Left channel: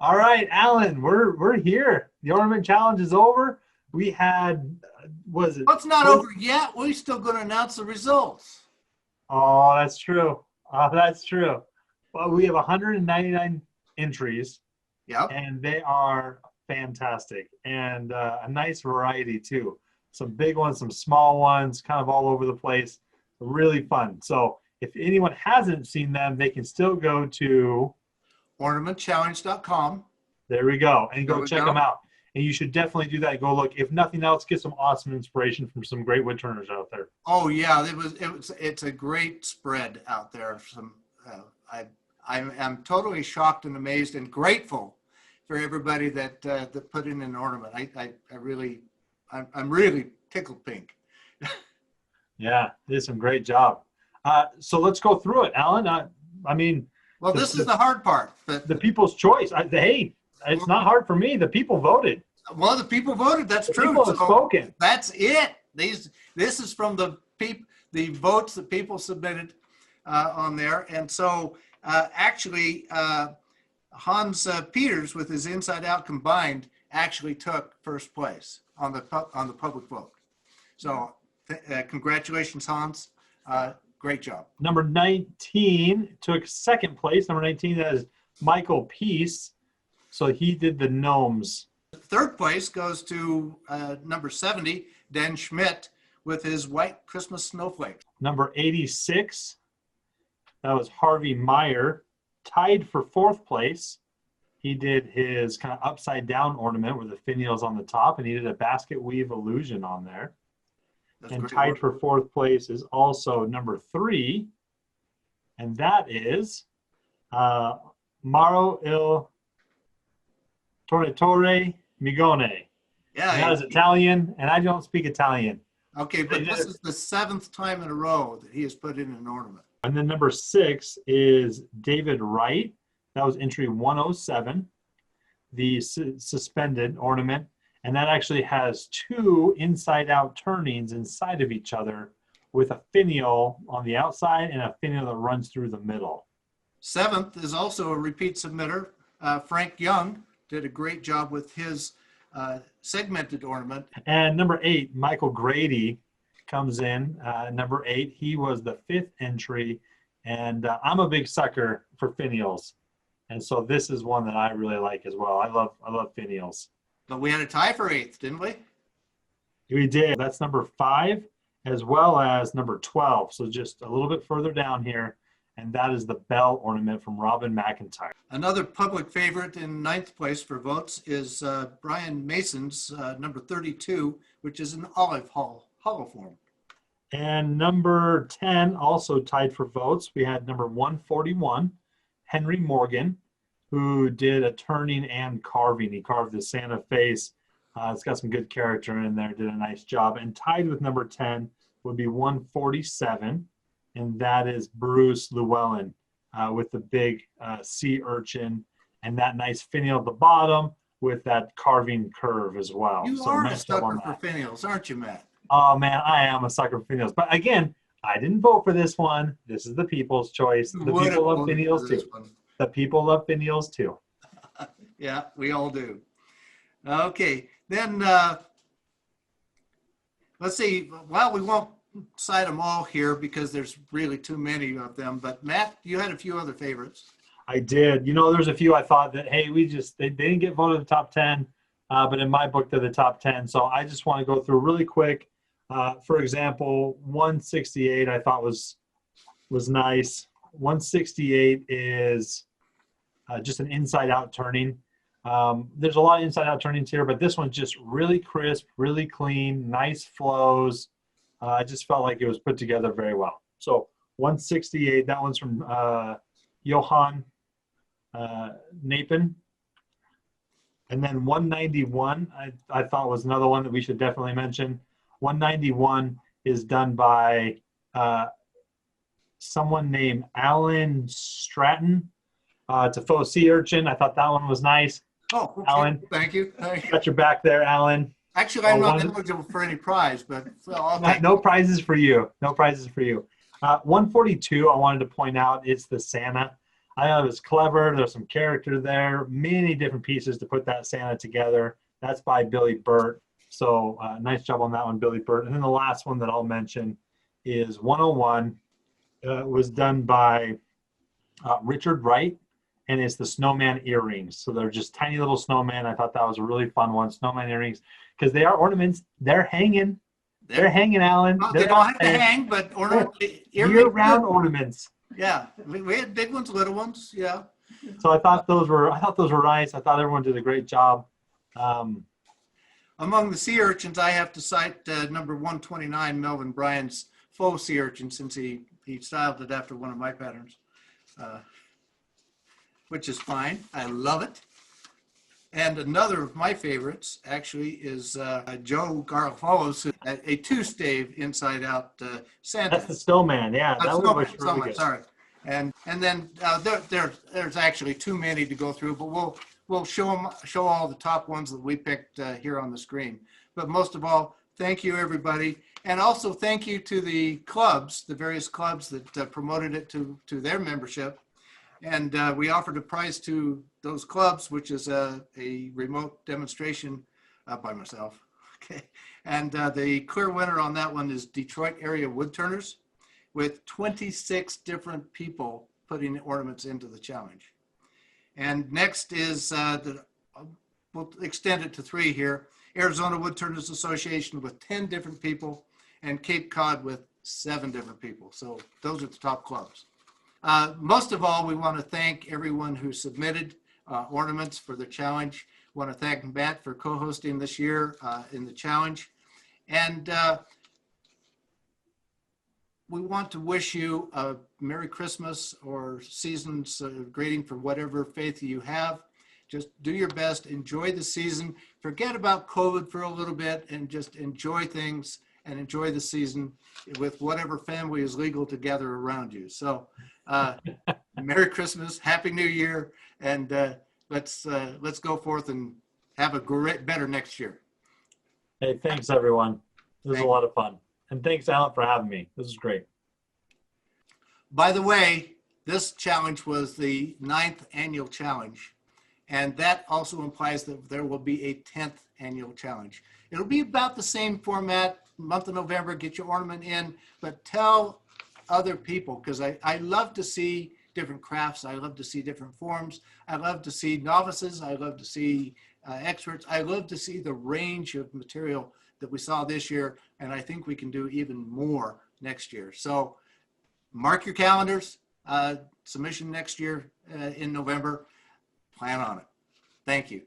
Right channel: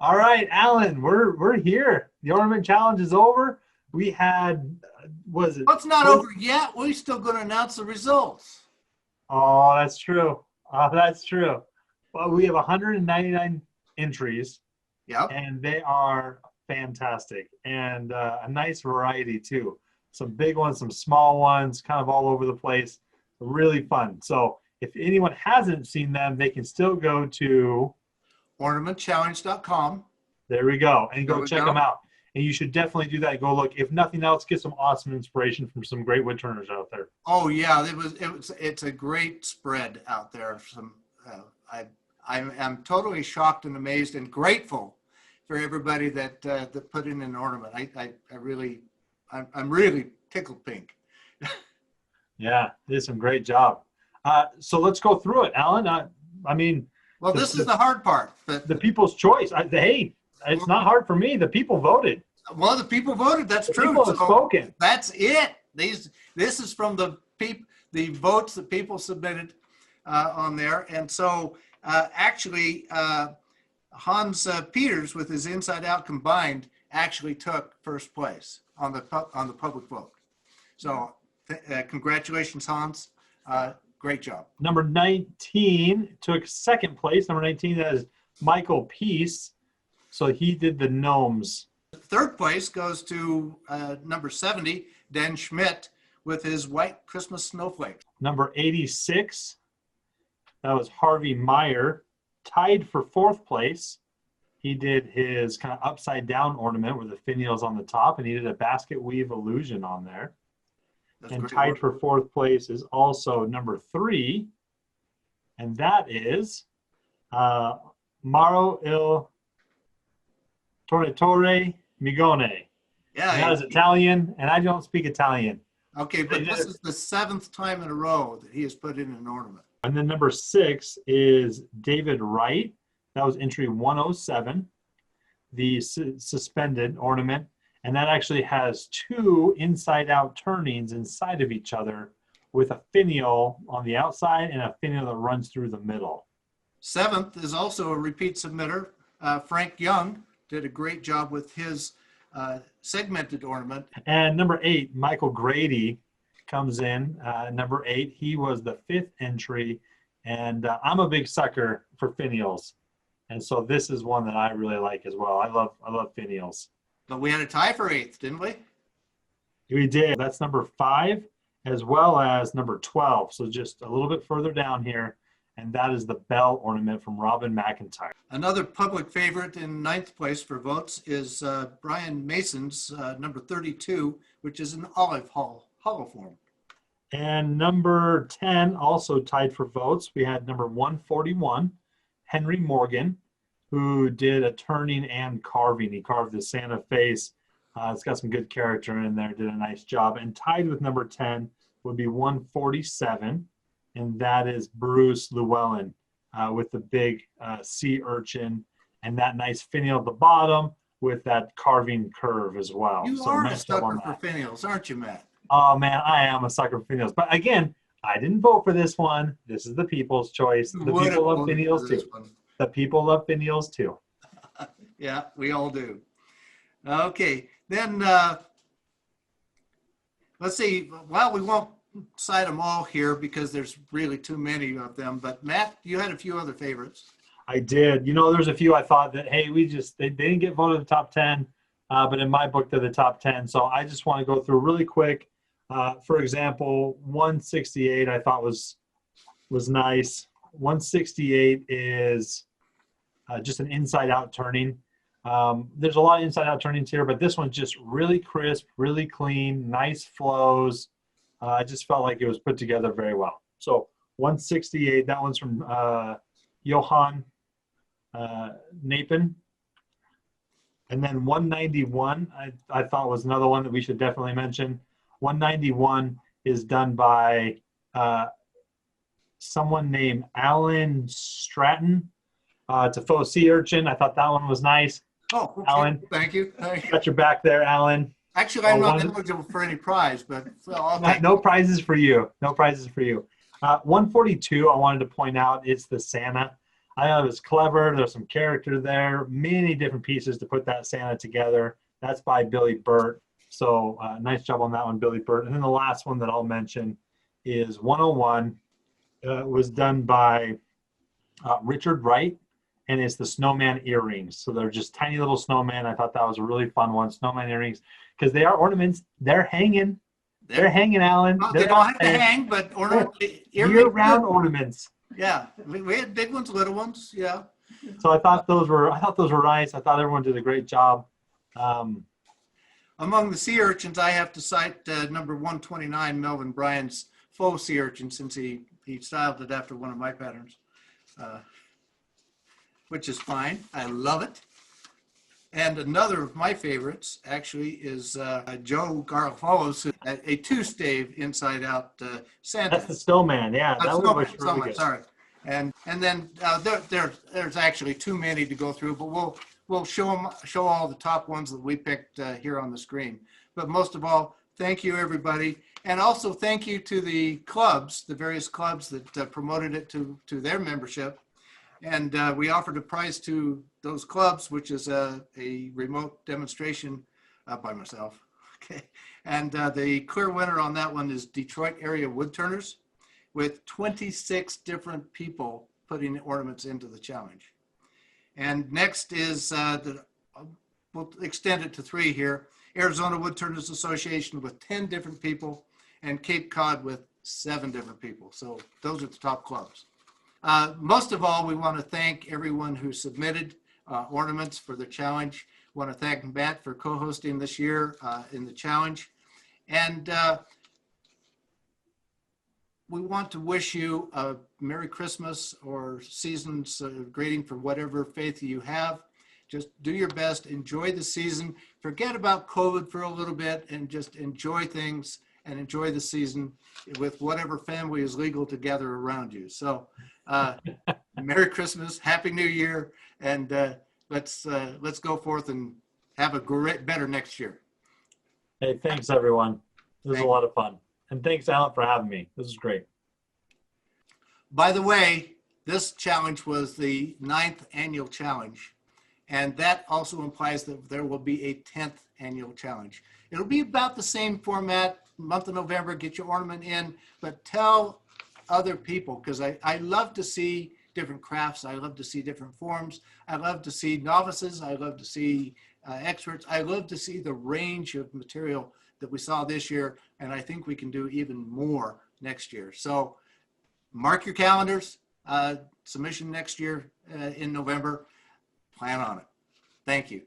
All right, Alan, we're here. The ornament challenge is over. We had, was it? Well, it's not over yet. We're still going to announce the results. Oh, that's true. Oh, that's true. Well, we have 199 entries, Yep. and they are fantastic and a nice variety too. Some big ones, some small ones, kind of all over the place. Really fun. So if anyone hasn't seen them, they can still go to Ornamentchallenge.com. there we go. And There go we check them go. out. And you should definitely do that. Go look. If nothing else, get some awesome inspiration from some great wood turners out there. Oh yeah, it's a great spread out there. Some I'm totally shocked and amazed and grateful for everybody that put in an ornament. I'm really tickled pink. Yeah, did some great job. So let's go through it, Alan. I mean, Well, this is the hard part. But the people's choice. Hey, it's not hard for me. The people voted. well, the people voted. That's The true. people have So spoken. that's it. This is from the votes that people submitted on there, and so actually Hans Peters with his Inside Out combined actually took first place on the public vote. So congratulations, Hans. Great job. Number 19 took second place. Number 19, that is Michael Peace. So he did the gnomes. Third place goes to number 70, Dan Schmidt, with his white Christmas snowflake. Number 86, that was Harvey Meyer, tied for fourth place. He did his kind of upside down ornament with the finials on the top, and he did a basket weave illusion on there. That's And great tied work. for fourth place is also number 3, and that is Maro il Tornatore Migone. Yeah. And that is Italian, and I don't speak Italian. Okay, but this is the 7th time in a row that he has put in an ornament. And then number 6 is David Wright. That was entry 107, the suspended ornament. And that actually has 2 inside-out turnings inside of each other with a finial on the outside and a finial that runs through the middle. 7th is also a repeat submitter. Frank Young did a great job with his segmented ornament. And number 8, Michael Grady comes in. Number 8, he was the 5th entry. And I'm a big sucker for finials. And so this is one that I really like as well. I love finials. But we had a tie for 8th, didn't we? We did. That's number 5 as well as number 12. So just a little bit further down here. And that is the bell ornament from Robin McIntyre. Another public favorite in 9th place for votes is Brian Mason's number 32, which is an olive hollow form. And number 10 also tied for votes. We had number 141, Henry Morgan, who did a turning and carving. He carved the Santa face. It's got some good character in there, did a nice job. And tied with number 10 would be 147, and that is Bruce Llewellyn with the big sea urchin and that nice finial at the bottom with that carving curve as well. You So are a nice job on sucker for that. finials, aren't you, Matt? Oh man, I am a sucker for finials. But again, I didn't vote for this one. This is the people's choice. The people love finials too. The people love finials too. Yeah, we all do. Okay, then let's see. Well, we won't cite them all here because there's really too many of them. But Matt, you had a few other favorites. I did. You know, there's a few I thought that, hey, they didn't get voted in the top 10, but in my book, they're the top 10. So I just want to go through really quick. For example, 168 I thought was nice. 168 is just an inside-out turning. There's a lot of inside-out turnings here, but this one's just really crisp, really clean, nice flows. I just felt like it was put together very well. So 168, that one's from Johann Napin. And then 191, I thought was another one that we should definitely mention. 191 is done by someone named Alan Stratton. It's a faux sea urchin. I thought that one was nice. Oh, okay. Alan. Thank you. Got your back there, Alan. Actually, I'm not eligible for any prize, but No prizes for you. No prizes for you. 142, I wanted to point out, it's the Santa. I thought it was clever. There's some character there, many different pieces to put that Santa together. That's by Billy Burt. So nice job on that one, Billy Burt. And then the last one that I'll mention is 101. Was done by Richard Wright, and it's the snowman earrings. So they're just tiny little snowman. I thought that was a really fun one, snowman earrings, because they are ornaments. They're hanging. They're hanging, Alan. They don't have to hang, but year-round ornaments. Yeah, we had big ones, little ones. Yeah. So I thought those were nice. I thought everyone did a great job. Among the sea urchins, I have to cite number 129, Melvin Bryan's faux sea urchin, since he styled it after one of my patterns, which is fine. I love it. And another of my favorites actually is Joe Garofalo's, a two-stave inside-out Santa. That's the snowman, yeah. That one was really good. Sorry. And then there's actually too many to go through, but we'll show all the top ones that we picked here on the screen. But most of all, thank you, everybody. And also thank you to the clubs, the various clubs that promoted it to their membership. And we offered a prize to those clubs, which is a remote demonstration by myself. Okay. And the clear winner on that one is Detroit area woodturners, with 26 different people putting ornaments into the challenge. And next is, we'll extend it to 3 here, Arizona Woodturners Association with 10 different people, and Cape Cod with 7 different people. So those are the top clubs. Most of all, we want to thank everyone who submitted ornaments for the challenge. We want to thank Matt for co-hosting this year in the challenge. And we want to wish you a Merry Christmas or season's greeting for whatever faith you have. Just do your best, enjoy the season, forget about COVID for a little bit, and just enjoy things and enjoy the season with whatever family is legal to gather around you. So Merry Christmas, Happy New Year, and let's go forth and have a better next year. Hey, thanks everyone. This was a lot of fun. And thanks, Alan, for having me. This is great. By the way, this challenge was the 9th annual challenge. And that also implies that there will be a 10th annual challenge. It'll be about the same format, month of November, get your ornament in, but tell other people, because I love to see different crafts. I love to see different forms. I love to see novices. I love to see experts. I love to see the range of material that we saw this year, and I think we can do even more next year. So mark your calendars, submission next year in November. Plan on it. Thank you.